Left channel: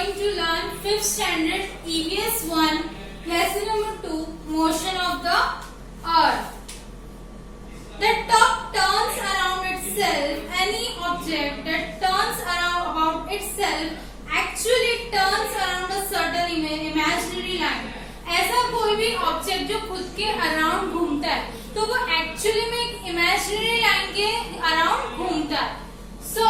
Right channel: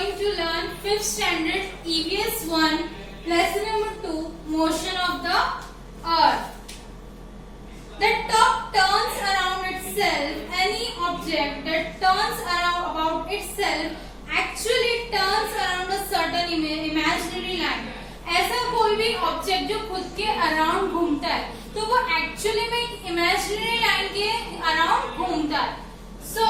going to learn 5th standard EVS 1 lesson number 2 motion of the earth. The top turns around itself. Any object that turns around about itself actually turns around a certain imaginary line. ऐसा कोई भी object जो खुद के around घूमता है तो वो एक्चुअली में एक इमेजिनरी लाइन के अराउंड घूमता है. So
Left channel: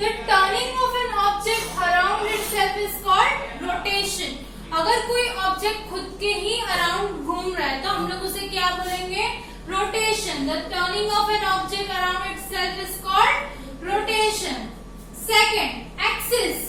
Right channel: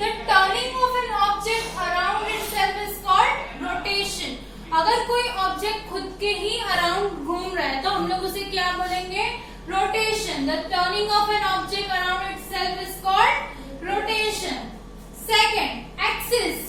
the turning of an object around itself is called rotation. अगर कोई ऑब्जेक्ट खुद के ही अराउंड घूम रहा है तो हम लोग उसे क्या बोलेंगे? Rotation. The turning of an object around itself is called rotation. Second, axis.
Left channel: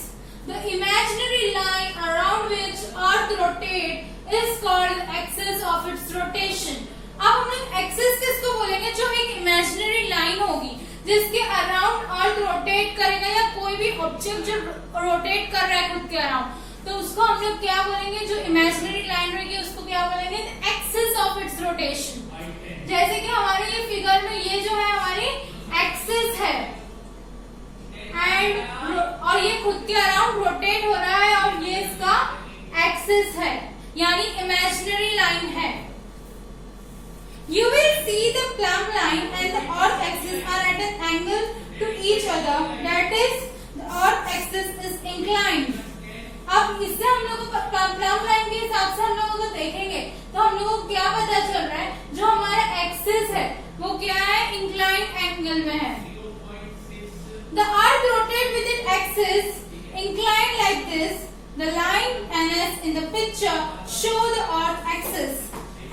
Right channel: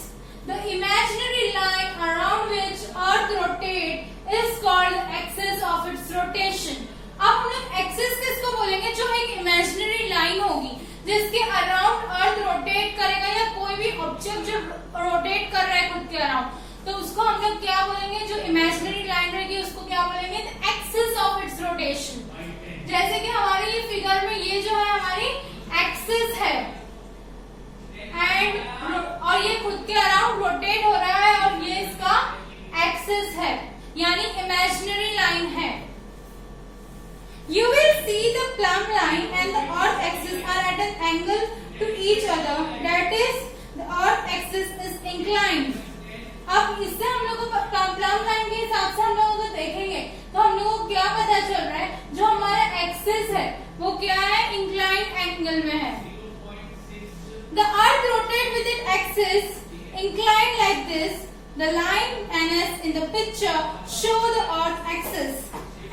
The imaginary line around which Earth rotates is called the axis of its rotation. अब हम लोग एक्सिस किसको बोलेंगे? जो एक इमेजिनरी लाइन होगी जिसके अराउंड अर्थ रोटेट करेगा या कोई भी ऑब्जेक्ट जो रोटेट कर रहा है खुद के अराउंड तो उसको हम लोग क्या बोलेंगे? जो इमेजिनरी लाइन रहेगी उसको क्या बोलेंगे? Axis of its rotation. जैसे कि हमारे ये फिगर में ये जो है हमारी एक्सिस है एंड और ये खुद के अराउंड रोटेट हो रहा है और ये इसका एक्सिस है यानी इमेजिनरी लाइन है. You will see the plumb line and the earth axis are at an angle to each other. That is, the earth axis is inclined. अब इससे हम लोगों को प्लम लाइन के हिसाब से हम लोगों को देखेंगे तो हम लोगों को क्या पता चल रहा है? जो हमारा एक्सिस है वो क्या है? इंक्लाइंड एंगल में है. The earth rotates with its axis inclined like this. The line NS in the picture show the earth axis.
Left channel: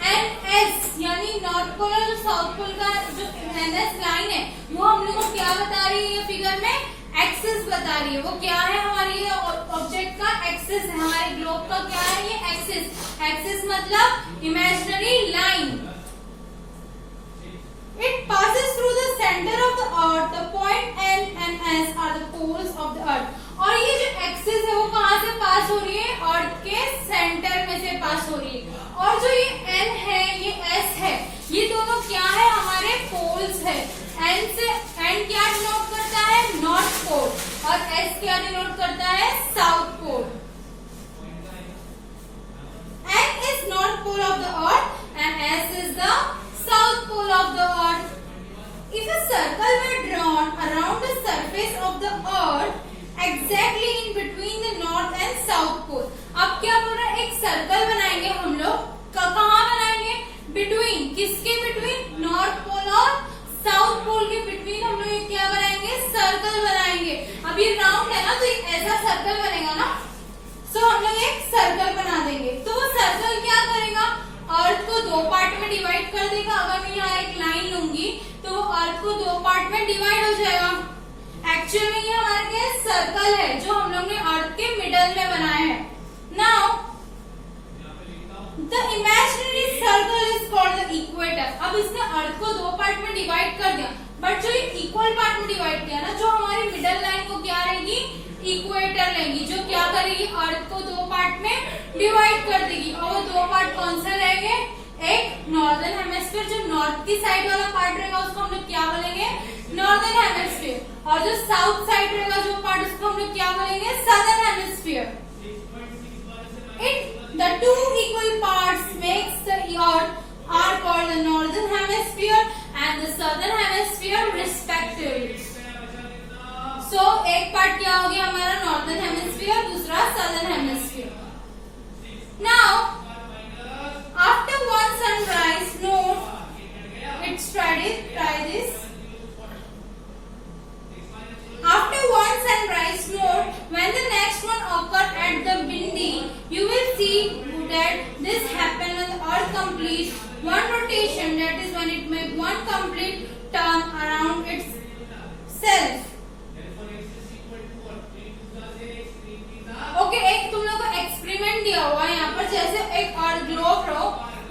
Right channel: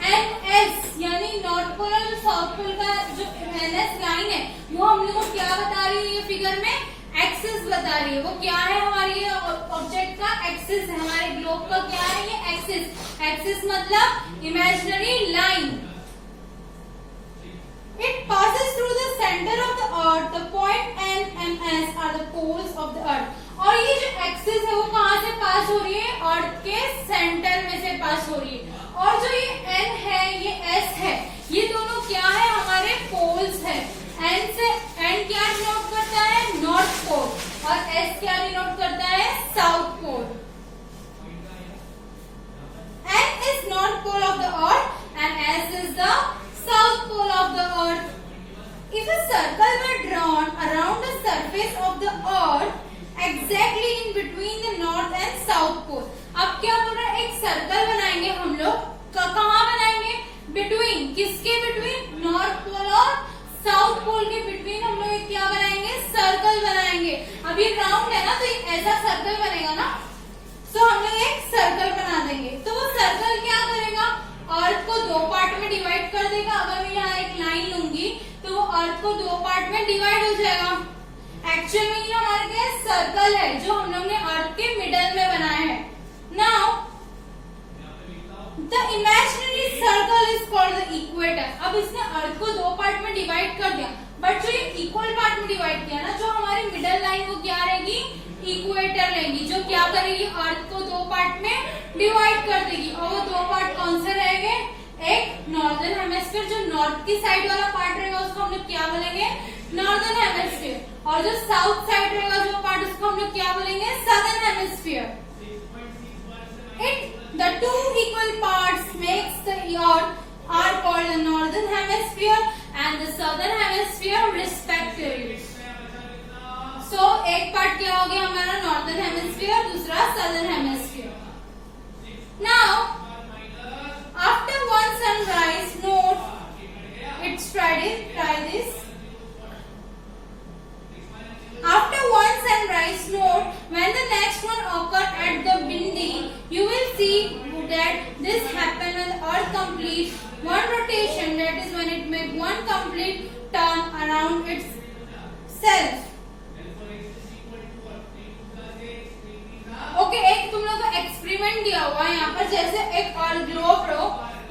NS यानी नॉर्थ पोल और जो साउथ पोल का जो NS लाइन है वो हम लोग को क्या बता रही है? ये फिगर में एक्सिस बता रही है. वो क्या है? हमारी ये ऑब्जेक्ट का एक्सिस है. हमारे ग्लोब का क्या है? ये एक्सिस. एक्सिस मतलब imaginary line. It passes through the center of the earth. The point N and S are the poles of the earth. और ये जो एक्सिस है वो कहाँ से पास हो रही है? अर्थ के सेंटर में से पास हो रही है. और जो ये N है ये S है ये दोनों क्या है? हमारे पोल्स है. N से N क्या डिनोट करता है? नॉर्थ पोल और S क्या डिनोट करता है? South pole. N is north pole of the earth and S is the south pole of the earth. If a circle were drawn around the surface of the earth exactly in between the north and south pole. अब क्या बोल रहा है? एक circle बनाएंगे हम लोग. कहाँ बनाएंगे? बिटवीन. किसके बिटवीन? नॉर्थ पोल और साउथ पोल के बिटवीन हम लोग क्या बनाएंगे? सर्कल बनाएंगे. अब ये राउंड है ना तो एक ऐसा सर्कल बनेगा ना. सो हम लोग एक सर्कल बना देंगे. तो वो सर्कल क्या करेगा? अर्थ को दो पार्ट में डिवाइड कर देगा. अगर मैं यहाँ एक लाइन लूंगी तो वो अर्थ को दो पार्ट में डिवाइड हो जाएगा. एक्चुअल में ये हमारे क्या सर्कल है जो हम लोग ने अर्थ के मिडल में बनाया है. Now the imaginary circle is called the equator. अब इसने अर्थ को दो पार्ट में डिवाइड कर दिया बट जो ये इक्वल पार्ट में डिवाइड किया ना जो हमारी मिडल लाइन वो क्या रहेगी? इक्वेटर रहेगी जो क्या करेगी? अर्थ को दो पार्ट में डिवाइड कर देगी. और वो दो पार्ट कौन से रहेंगे? एक नॉर्दर्न हेमिस्फीयर जो नॉर्थ की साइड वाला पार्ट रहेगा उसको हम लोग क्या बोलेंगे? Northern hemisphere. और जो साउथ साइड रहेगा जो पार्ट उसको हम लोग क्या बोलेंगे? Southern hemisphere. The two equal parts makes the earth are called the northern hemisphere and the southern hemisphere respectively. So एक पार्ट क्या हो गया हमारा? नॉर्दर्न हेमिस्फीयर, दूसरा southern hemisphere. Now after one sunrise, note it's try this. After one sunrise, note when the next one occurs at the Bindi, you will see that this happens when the earth completes one rotation. That is when it makes one complete turn around itself. Okay एक तुम लोग को experiment दिया हुआ है यहाँ पर. जैसे एक और ग्लोब लो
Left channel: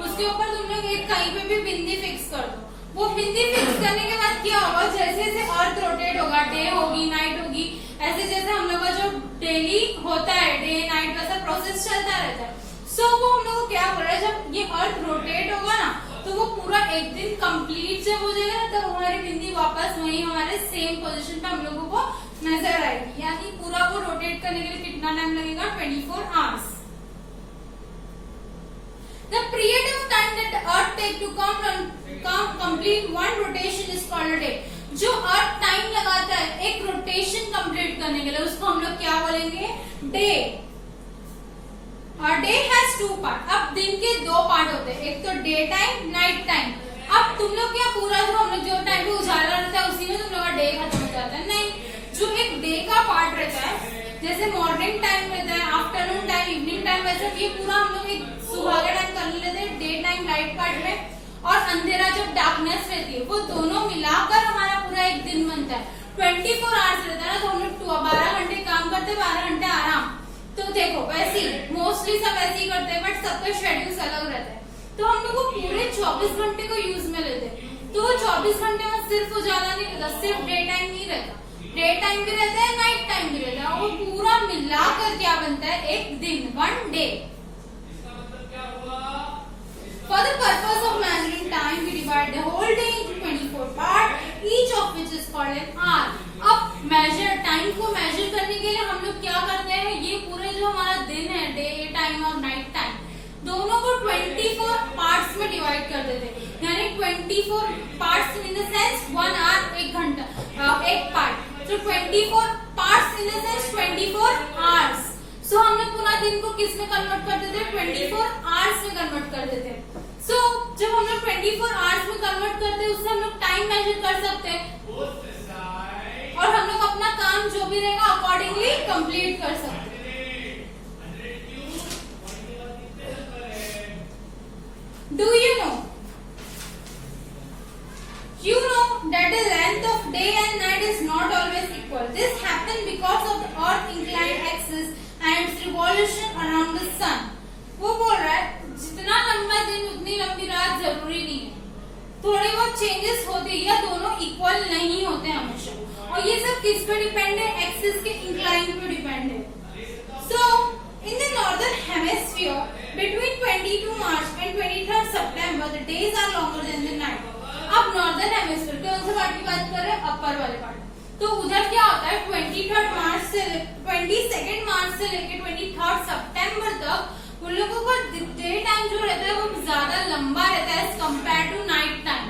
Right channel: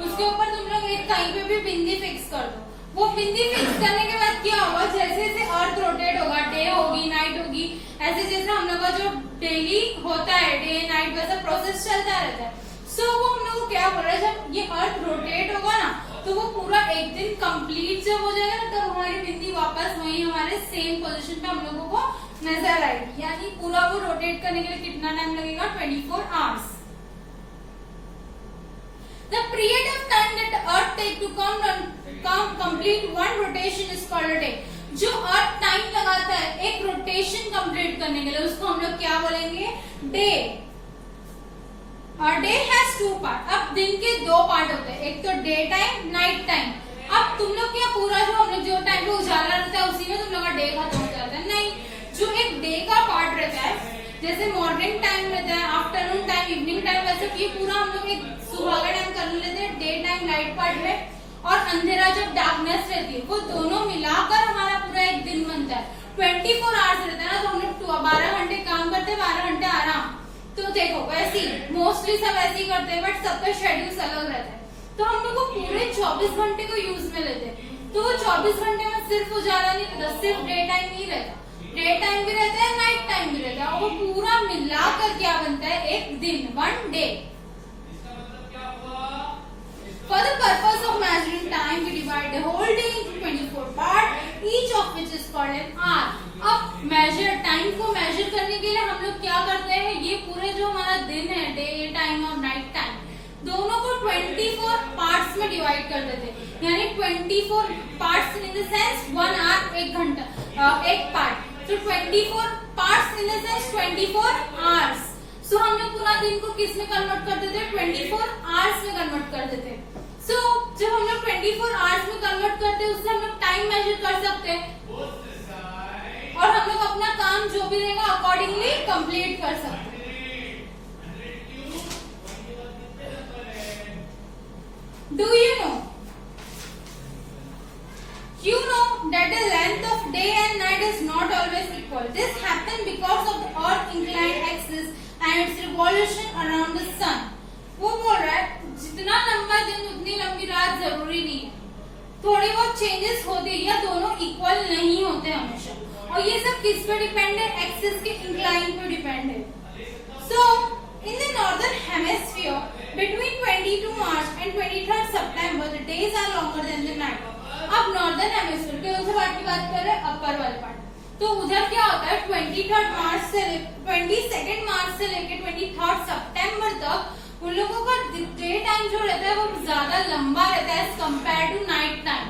उसके ऊपर तुम लोग एक कहीं पे भी बिंदी फिक्स कर दो. वो बिंदी फिक्स करने के बाद क्या होगा? जैसे जैसे अर्थ रोटेट होगा, डे होगी नाइट होगी, ऐसे जैसे हम लोग का जो डेली होता है डे नाइट वैसा प्रोसेस चलता रहता है. सो वो हम लोग को क्या बोल रहा है? जब ये अर्थ रोटेट होगा ना तो वो पूरा एक दिन कंप्लीट जब हो जाएगा ना तब हमारी बिंदी वापस वही हमारे सेम पोजीशन पे हम लोगों को नजर आएगी, यानी पूरा वो रोटेट करने के लिए कितना टाइम लगेगा, 24 hours. The period of time that the Earth take to complete one rotation is called a day. जो अर्थ टाइम लगाता है एक रोटेशन कंप्लीट करने के लिए, उसको हम लोग क्या बोलेंगे, डे। और डे हैज 2 पार्ट। अब दिन के 2 पार्ट होते हैं, एक तो डे टाइम, नाइट टाइम। अब तुम लोग क्या पूरा जो हम लोग जो टाइम पे उजाला रहता है उसी में तुम लोग का डे खत्म हो जाता है, नहीं। जो एक डे का पार्ट रहता है, जैसे मॉर्निंग टाइम रहता है, आफ्टरनून टाइम, इवनिंग टाइम, वैसे ये पूरा हम लोग एक सुबह का टाइम कर लेते हैं डे टाइम लाइट पार्ट में, और अंधेरा जब डार्कनेस रहती है वो दोनों मिलाकर हमारा पूरा एक दिन बनता है। 24 आवर्स रहता है ना, तो हम लोग 12 घंटे काम करते हैं, 12 घंटे आराम। तो देखो वैसे ही मोस्टली सब ऐसे ही करते हैं, बट सबका शेड्यूल अलग रहता है। तो हम लोग को पूरे 24 घंटे को यूज में लेते हैं। तो 24 घंटे में सिर्फ उजाला नहीं रहता, सिर्फ डे टाइम नहीं रहता, डे टाइम भी रहता है, नाइट टाइम भी रहता है, और वो पूरा मिलाकर क्या बनता है, एक दिन, 1 day. For the purpose of measuring time, we divide the whole day into 24 parts, each of which is called an hour. अब मेजर टाइम को मेजर करने के लिए हम लोग क्या करते हैं, ये पूरे जो हमारा दिन है, डे टाइम और नाइट टाइम, दोनों को 24 पार्ट्स में डिवाइड कर देते हैं। यानी 24 parts in the sense 1 hour, 1 घंटा, एक पार्ट। तो 24 parts in the sense 24 hours. So हम लोग पूरा दिन को किस में कन्वर्ट कर देते हैं, 24 आवर्स में कन्वर्ट कर देते हैं। सो जब हम लोग 24 आवर्स में कन्वर्ट करते हैं, उससे हम लोग टाइम मेजर कर सकते हैं, और हम लोग अपना काम जो भी रहेगा अकॉर्डिंगली कंप्लीट कर सकते हैं। Do you know that the length of day and night is not always equal. This happens because of the Earth's inclined axis and its revolution around the sun. वो बोल रहा है जितना लंबा दिन उतनी लंबी रात जरूरी नहीं है, थोड़ी बहुत चेंजेस होते हैं, या दोनों इक्वल नहीं होते हमेशा। और ये सब किस पे डिपेंड है, एक्सिस के इंक्लाइन पे डिपेंड है। So in the northern hemisphere between 22 March and 23 September the days are longer than the night. अब नॉर्दर्न हेमिस्फीयर कौन से पार्ट की बात कर रहे हैं, अपर वाले पार्ट। तो उधर क्या होता है, 22 मार्च से लेके 23 सितंबर तक उन लोगों का डे टाइम जो रहता है वो ज्यादा लंबा रहता है as compare to night time.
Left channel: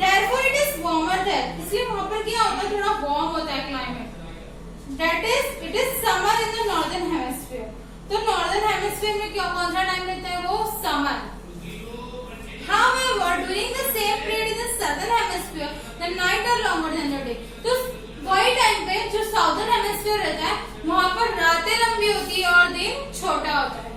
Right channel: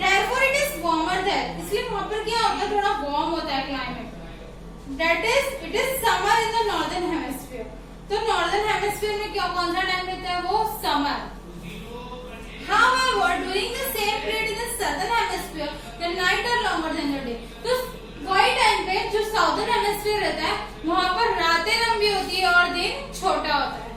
Therefore it is warmer there. इसलिए वहाँ पर क्या होता है, थोड़ा वार्म होता है climate. That is, it is summer in the northern hemisphere. तो northern hemisphere में क्या कौन सा टाइम रहता है, वो summer. However, during the same period in the southern hemisphere, the night are longer than the day. तो वही टाइम पे जो साउदर्न हेमिस्फीयर रहता है वहाँ पर रातें लंबी होती है और दिन छोटा होता है।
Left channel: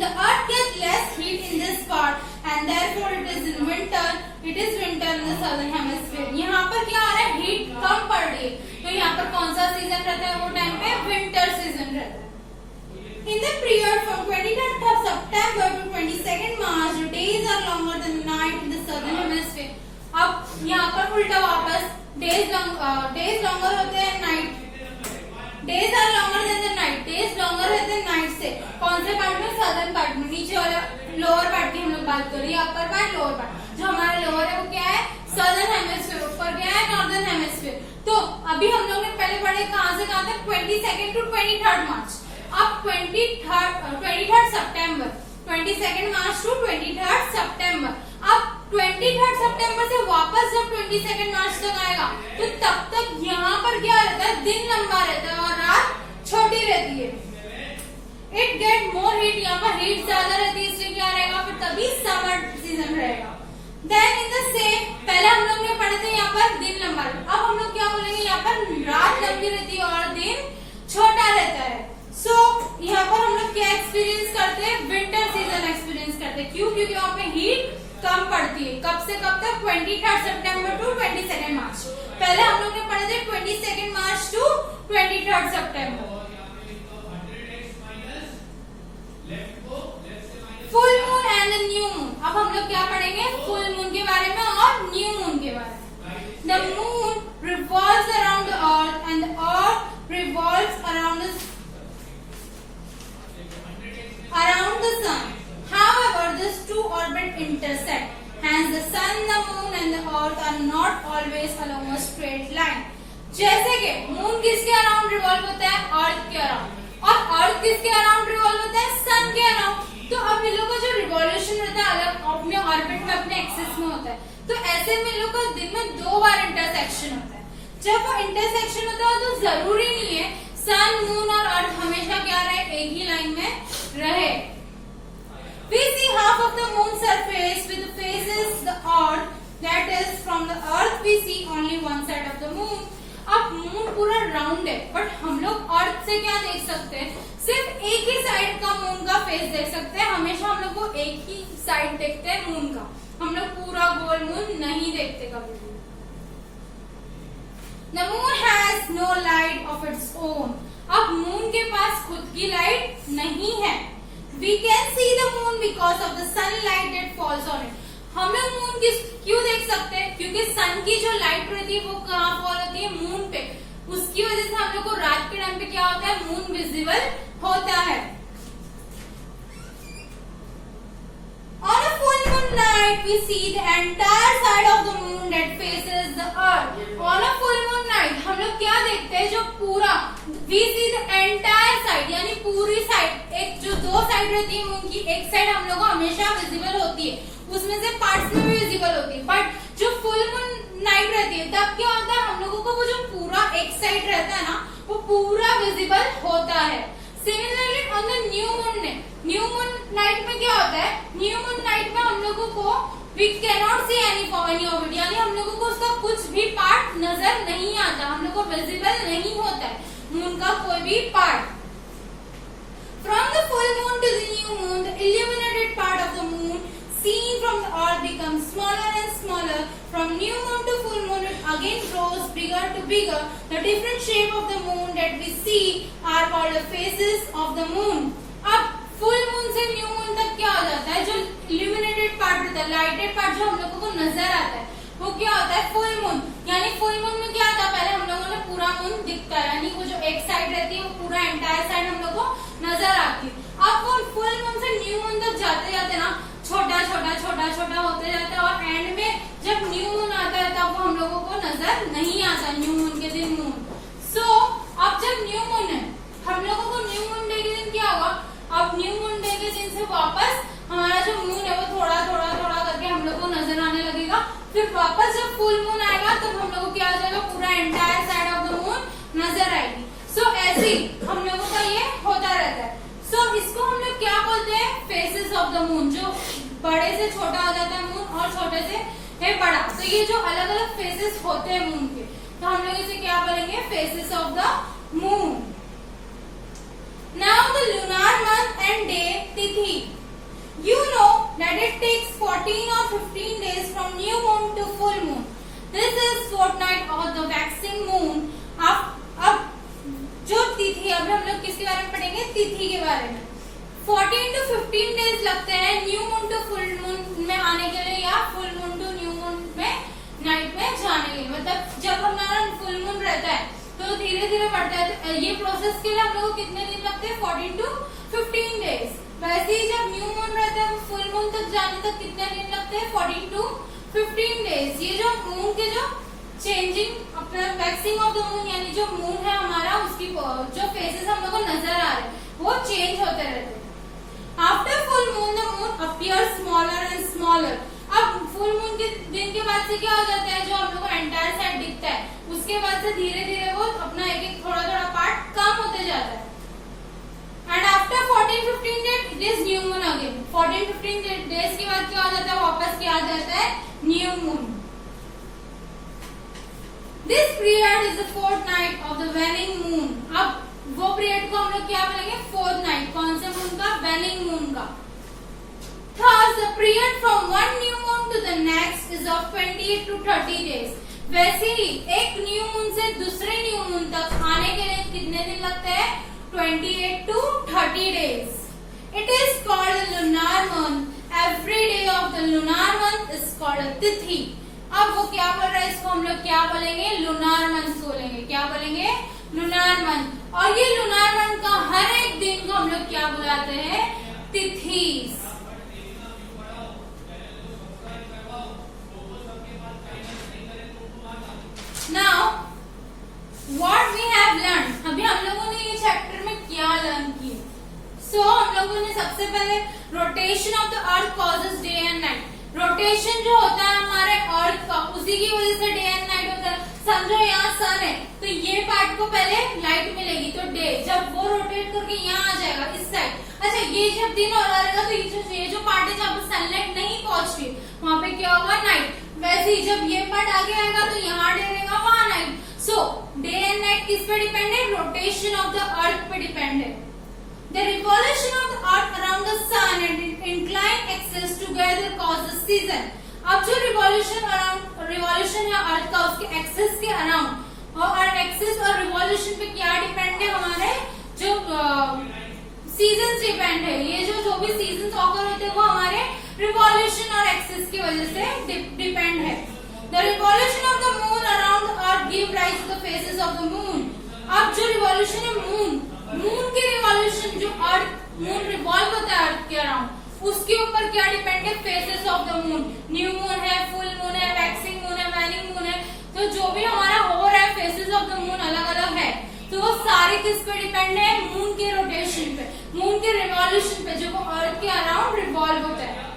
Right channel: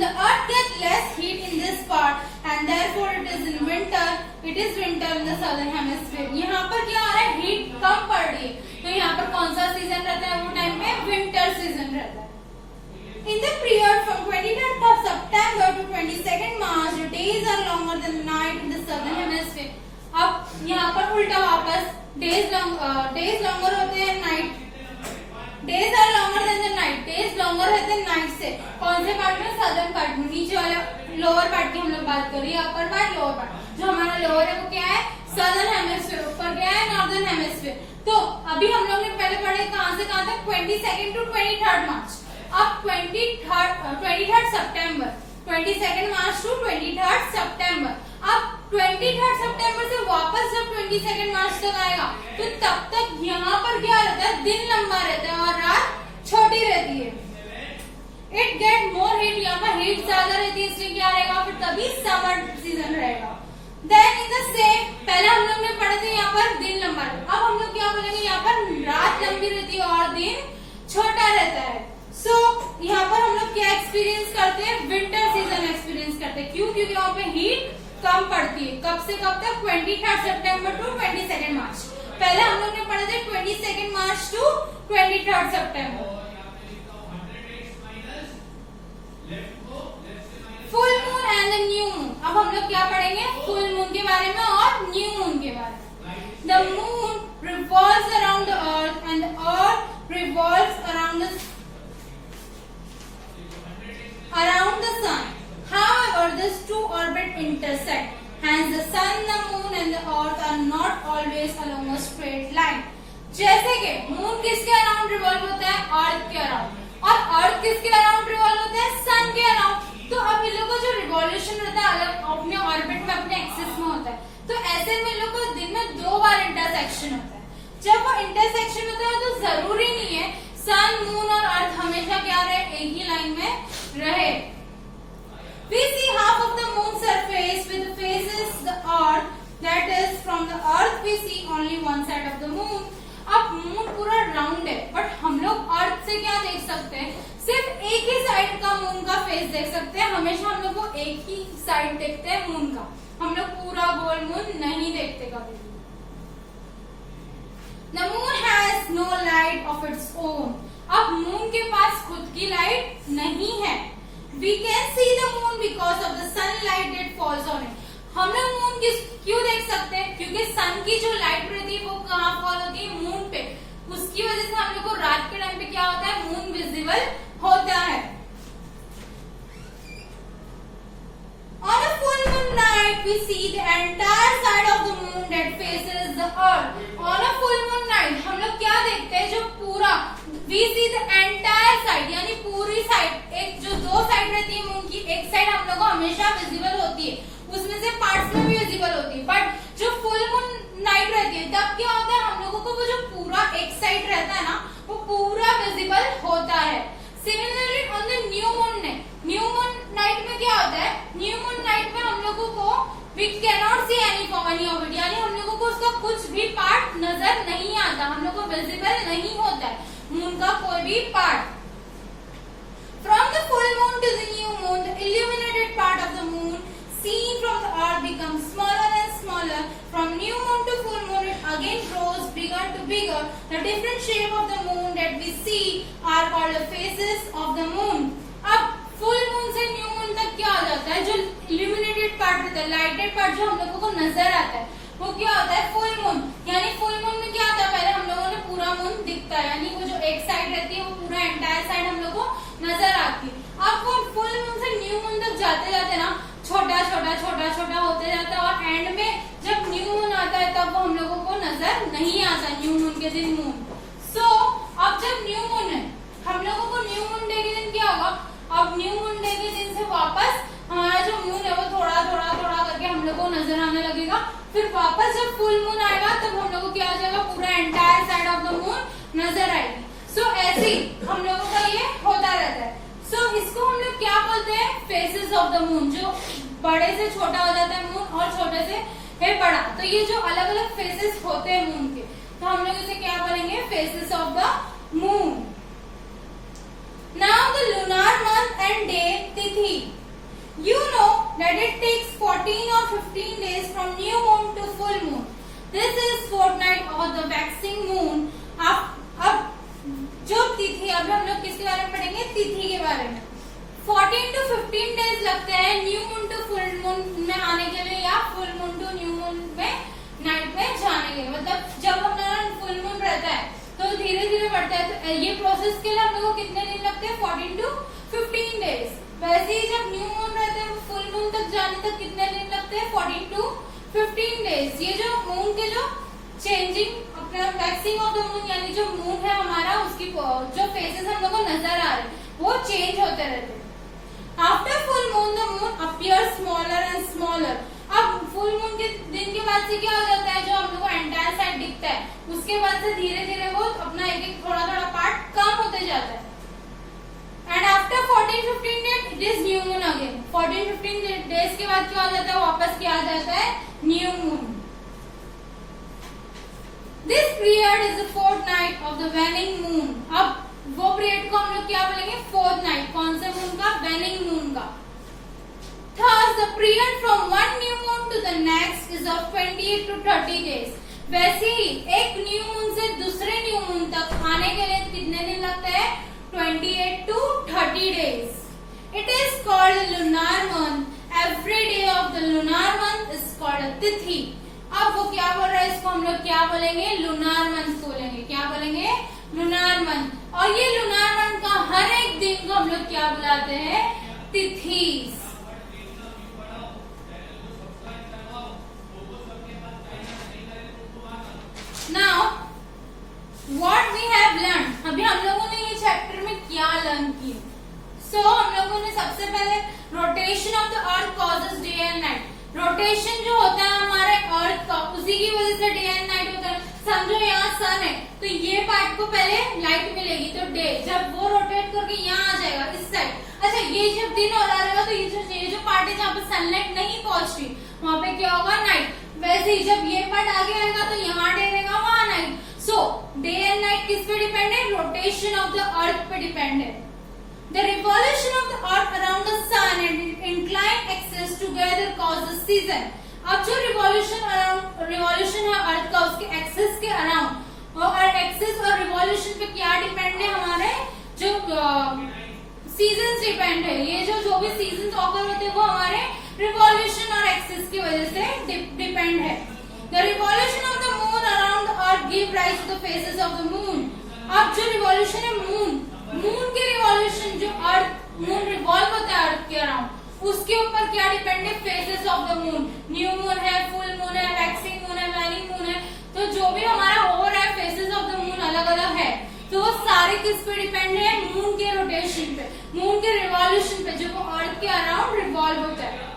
The earth gets less heat in this part and therefore it is winter in the southern hemisphere. यहाँ पर क्या आ रहा है, हीट कम पड़ रही है, तो यहाँ पर कौन सा सीजन रहता है, वो टाइम पे विंटर सीजन रहता है। In the period from 23rd of September to 22nd March, the days are longer than the night in the southern hemisphere. अब यहाँ पर उल्टा वापस डेज लॉन्गर होते हैं, night days are longer than the night, days longer रहते हैं night से। कौन से पार्ट में, सदर्न पार्ट में। नीचे वाले लोअर पार्ट की हम लोग बात कर रही है, अपर पार्ट, लोअर पार्ट। जो हमारा लोअर है वो क्या है, सदर्न हेमिस्फीयर, ऊपर क्या है, नॉर्दर्न हेमिस्फीयर। तो अभी हम लोग ने पहले पढ़े कहाँ से कहाँ तक, 22nd टू 23rd मार्च। अब 23rd सितंबर, 22nd मार्च टू 23rd सितंबर। अब 23rd सितंबर से वापस जब 22nd मार्च तक आएगा तो तब तक यहाँ पर क्या रहता है, दिन लंबा रहता है और रात छोटी रहती है। इट गेट मोर हीट, यहाँ पर हीट ज्यादा रहती है, इसलिए क्या रहेगा, फिर तभी समर सीजन रहेगा। देन इन द सेम, पहले हम लोग ने पढ़े थे यहाँ पर दिन लंबा, अब हम लोग क्या बोलेंगे, यहाँ पर रात लंबी रहती है और दिन छोटा रहता है। सो यहाँ पर हम लोग क्या एक्सपीरियंस करते हैं, विंटर सीजन एक्सपीरियंस करते हैं। क्यों, क्योंकि यहाँ पे हीट कम पड़ती है। कब से कब तक, 23rd सितंबर टू 22nd मार्च। पहले हम लोग ने पढ़े थे 22nd March two 23rd September. Full moon and the new moon. अब हम लोग क्या पढ़ेंगे, फुल मून के बारे में और न्यू मून के बारे में। The moon revolves around the earth and the earth revolves around the sun. However, these two orbits intersect. Hence, the sun, the moon, and the earth are not always along a straight line. जैसे कि moon किसके around revolve होता है? अर्थ के around. और अर्थ किसके around revolve होता है? सन के अराउंड। तो अब इन लोगों का जो रिवॉल्यूशन रहता है अलग अपने ऑर्बिट में, अपने एक्सिस में होता है। तो ऐसे में इन लोगों का दिन में 2 बार इंटरसेक्शन होता है। जब वो इंटरसेक्शन होता है तो जरूरी नहीं है सन, मून और अर्थ हमेशा क्या रहे? एक ही लाइन में रहे। We see half of the moon surface with the faces the earth, that is from the earth we see only one side of the moon. अब मून पूरा राउंड है, बट हम लोग अर्थ से क्या देख सकते हैं? सिर्फ एक ही साइड का मून का फेस देख सकते हैं। हमेशा हम लोग को एक ही साइड देखते हैं मून का, हम लोग पूरा गोल मून नहीं देखते कभी भी। The moon has no light of its own. अब मून के पास खुद की लाइट नहीं है। We can see the moon because of the sunlight that falls on it. हम लोग मून क्यों देख सकते हैं? क्योंकि सन की जो लाइट रहती है वो कहाँ फॉल होती है? मून पे। उसकी वजह से हम लोग को रात के टाइम पे क्या होता है? मून विजिबल होता है। On a full moon night, we see the entire side of the moon that faces the earth. On a full moon night, हम लोग क्या देखते हैं? जो पूरा we see the entire side, यानी पूरी साइड, एक जो 2 साइड रहती है मून की, एक साइड हम लोग को हमेशा विजिबल होती है, उसमें से पार्ट्स में भी विजिबल होती है। बट जो फुल मून नाइट रहती है तब क्या होता है? हम लोगों को वो जो पूरा एक साइड रहता है ना, वो पूरा विजिबल होता है। Similarly on the new moon night में क्या होता है? न्यू मून नाइट में हम लोगों को we cannot see any of it, यानी हम लोगों को उसका कुछ भी पार्ट नजर नहीं आता, हम लोग को विजिबल नहीं होता है मून का कोई भी part. From the full moon to the new moon, the illuminated part of the moon seen from the earth becomes smaller and smaller. From new moon to full moon, it again grows bigger to bigger. The different shape of the moon that we see are called the phases of the moon. अब full moon से new moon तक क्या हो जाता है? जो illuminated part रहता है, लाइटेड पार्ट जो हम लोगों को नजर आता है, वो क्या होता है? Full moon. यानी फुल मून में क्या होता है? पहले हम लोगों ने पूरा मून दिखता है, यानी वो जो एक साइड रहती है वो पूरा एंटायर साइड हम लोग को नजर आती है। अब वो फुल मून से न्यू मून तक जाते जाते ना छोटा छोटा छोटा छोटा होते जाता है, और एंड में जब न्यू मून आता है तब वो हम लोगों को नजर नहीं आता न्यू मून के दिन मून। सो अब जब न्यू मून है, हम लोगों को न्यू मून डे के दिन क्या होगा? अब न्यू मून डे के दिन से वापस हमारा जो मून है वो थोड़ा थोड़ा थोड़ा करके हम लोग को नजर आने लगेगा। फिर वापस जब फुल मून आएगा तब हम लोग को क्या हो जाएगा? पूरा entire side of the moon नजर आएगी। सो ऐसे ही हम लोगों का ये होता रहता है। सो इसको हम लोग क्या बोलते हैं? Faces of the moon. जो बड़े से छोटा हो जाता है मून और छोटे से है बड़ा, तो ये जो अलग अलग फेसेस होते हैं मून के, तो हम लोग इसे क्या बोलेंगे? Faces of the moon. Now the lunar month and day तिथि. You know that it takes 14 or 15 days from new moon to full moon. This is fortnight of the waxing moon. अब जो तिथि, अब हम लोग किसके बारे में पढ़ेंगे? तिथि के बारे में। 14 to 15 डेज लगते हैं new moon to full moon में आने के लिए, या full moon to new moon में नाइट में जाने के लिए। मतलब जब हमारा फुल मून रहता है तो धीरे धीरे बढ़ता है। तो ये प्रोसेस के लिए हम लोग को कितने दिन लगते हैं? 14 to 15 डेज। वैसे ही जब न्यू मून रहता है फुल मून तक जाने तक कितने दिन लगते हैं? 14 to 15 डेज। ये जो मून के जो चेंजिंग, अपना वैक्सिंग ऑफ द मून, यानी जो मून है हमारा, उसकी जो फेसेस हम लोग को नजर आ रहे हैं वो चेंज होते रहते हैं। After full moon the moon appear smaller and smaller. अब फुल मून के दिन के बाद से क्या हो जाता है? जो हम लोग को एंटायर साइड दिखता है, उसके बाद से धीरे धीरे वो अपना एक एक थोड़ा थोड़ा पार्ट कम होते जाता है। And after 14-15 days it is new moon again. 14-15 days के बाद क्या हो जाता है? वापस क्या आ जाता है? New moon. This period is the fourth night of the वेनिंग moon. अब वो पीरियड को हम लोग क्या बोलेंगे? Fourth night. कौन से मून का? वेनिंग मून का। Thus, the period from one new moon to the next is of 28 to 30 days. वैसे ही एक न्यू मून से दूसरे न्यू मून तक आने के लिए कितने दिन लगते हैं? 28 to 30 days. It is called the lunar month. Every day of the lunar month is called a तिथि. अब वो क्या बोल रहा है? इसको हम लोग क्या बोलेंगे? लुनार मंथ बोलेंगे। क्या बोलेंगे? Lunar month. और ये लुनार मंथ का हर एक दिन को हम लोग क्या बुलाते हैं? तिथि। Now सो हम लोगों ने सबसे पहले rotation of the earth causes day and night. Rotation जो होता है हमारे अर्थ का, उसी की वजह से डे एंड नाइट होता है। समझो यहाँ सन है तो ये पार्ट को पहले लाइट मिलेगी तो डे, जब वो रोटेट करके यहाँ आ जाएगा इस साइड। अच्छा ये जब दिन हो रहा रहेगा तो ये जो पार्ट है जहाँ पे सनलाइट नहीं पहुंच रही वहां पे क्या होगा, नाइट। वैसे ही जब ये पार्ट आगे आएगा तो यहाँ डे रहेगा, वहां night. So day and night किस पे डिपेंड है, रोटेशन ऑफ द अर्थ पे डिपेंड है। The revolution of the earth around the sun and inclined axis together causes season। अब जो revolution है अर्थ का, उसके एक्सिस के अराउंड, और एक्सिस और रिवॉल्यूशन पे क्या डिपेंड है, हमारे जो सीजन डिपेंड है। ये जो भी सीजन ऑकर होते हैं वो हमारे रिवॉल्यूशन और एक्सिस की वजह से डिपेंड है। The revolution of the moon around the earth give rise to the phases of the moon। अब जो रिवॉल्यूशन है मून के रिवॉल्यूशन, जो अर्थ मून रिवॉल्व होता है अर्थ के अराउंड, उसके ऊपर क्या डिपेंड है, phases of the moon. New moon है, फुल मून है, वैक्सिंग मून है, वैनिंग मून है। तो जो भी हमारा हो रहा है फेजेस ऑफ द मून अलग अलग है, तो वो सारे किस पे डिपेंड है, मून के रोटेशन पे, मून के रिवॉल्यूशन पे, जो वो अर्थ के अराउंड रिवॉल्व होता है।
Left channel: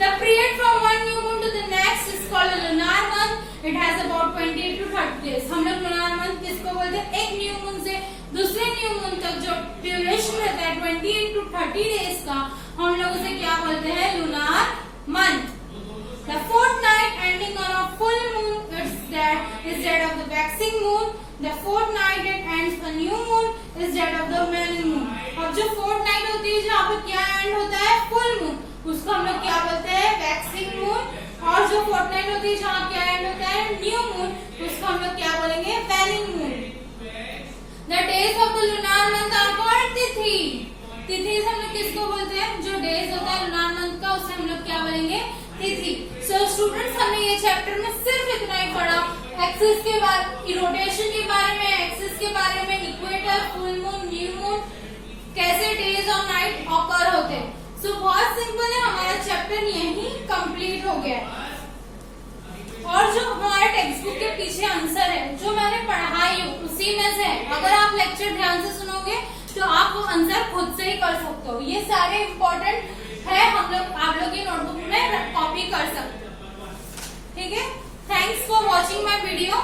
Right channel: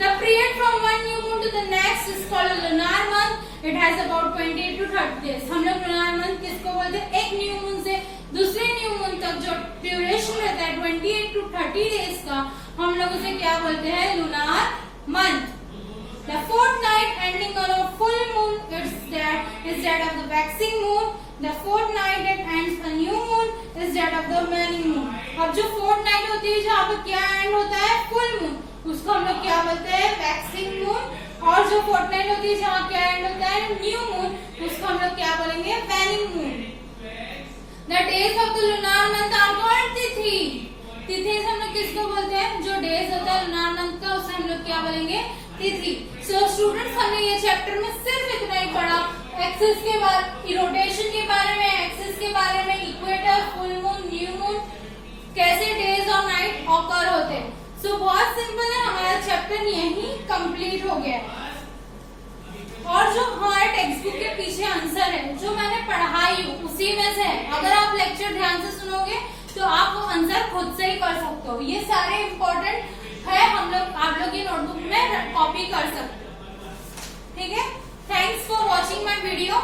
The period from one new moon to the next is called a lunar month. It has about 28 to 30 days। हम लोग lunar month किसको बोलते हैं, एक न्यू मून से दूसरे न्यू मून तक जो ड्यूरेशन रहता है 28 to 30 डेज का, हम लोग उसे क्या बोलते हैं, lunar month। The fortnight ending on a full moon is that of the waxing moon। The fortnight that ends a new moon is that of the waning moon। अब जो fortnight होती है जहाँ पे क्या एंड होता है, full moon, उसको हम लोग क्या बोलते हैं, वैक्सिंग मून। और जो फोर्टनाइट होती है जहाँ क्या एंड होता है, न्यू मून, उसको हम लोग क्या बोलेंगे, waning moon. The days of the lunar month are called tithi. तिथि से हम लोग किसको बोलते हैं, जो डेज होता है लुनार मंथ का, उसे हम लोग क्या बोलेंगे, तिथि। सो स्टूडेंट्स हमने ये चैप्टर में सिर्फ इतना ही पढ़ा, एक्सिस के बारे, रोटेशन के बारे में, एक्सिस के बारे में, equator, full moon, new moon, कैसे डेज और नाइट ऑकर होते हैं। सो बहुत सिंपल है, हमारा चैप्टर यही कंप्लीट हो गया है। और जो हमारे टेक्स्ट बुक के पीछे आंसर है जो मैंने पढ़ाई हूँ उसी में से है। अगर आप लेक्चर ध्यान से सुनोगे तो आप वो आंसर खुद से ही कर सकते हो। ये सारे इम्पोर्टेंट है, आप लोग की नोटबुक में कॉपी कर सकते हो। ठीक है, thanks for watching my video.